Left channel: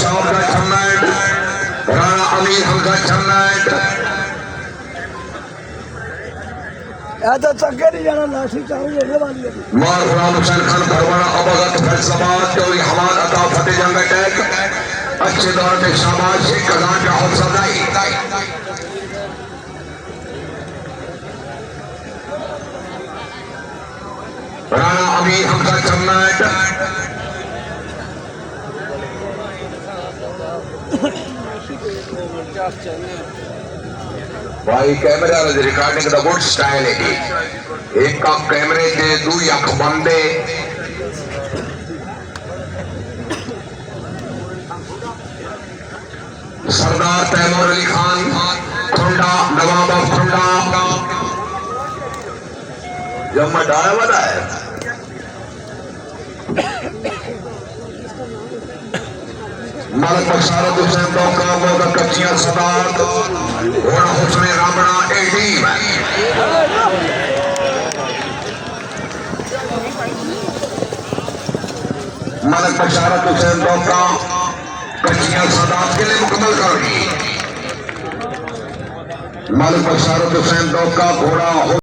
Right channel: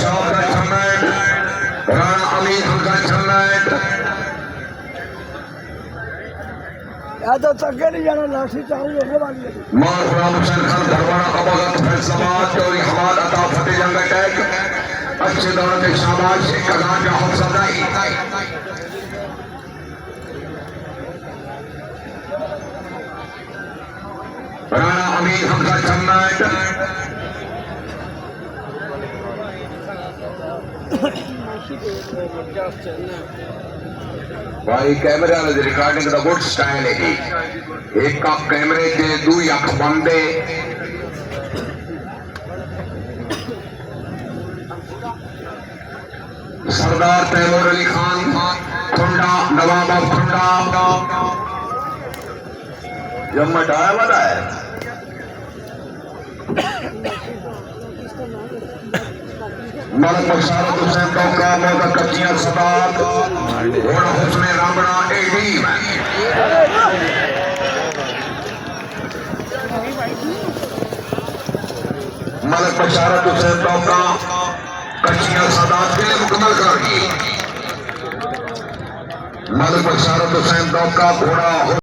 साहब का सम्राट राणा अमीर का सम्राट तो चक्के नहीं जाना लाठी चारी होने वाली है मार गुलाम हुसैन खान भरवाना अबागत फैसला चौरी हमाद अता फतेह जंग अटैक अच्छे दौर में शाबाश शेख कलान का हौसला नहीं राणा अमीर का सम्राट भाई कैमरे वाले दी रिकॉर्डिंग का गुड स्टाइल है जी एक का कैमरे के दूई अख बंदे सरदार तैमूर अली खान ठंडा नवाब ऑफ ठंडा जब मैं डाया वाला है मल बशारत हुसैन का मौका कच्चियां सदात और हुस्ने रामना एडीम मलक बशारत हुसैन का कच्चियां सदात के लिए मुकम्मल कर दी मलक बशारत हुसैन का घोड़ा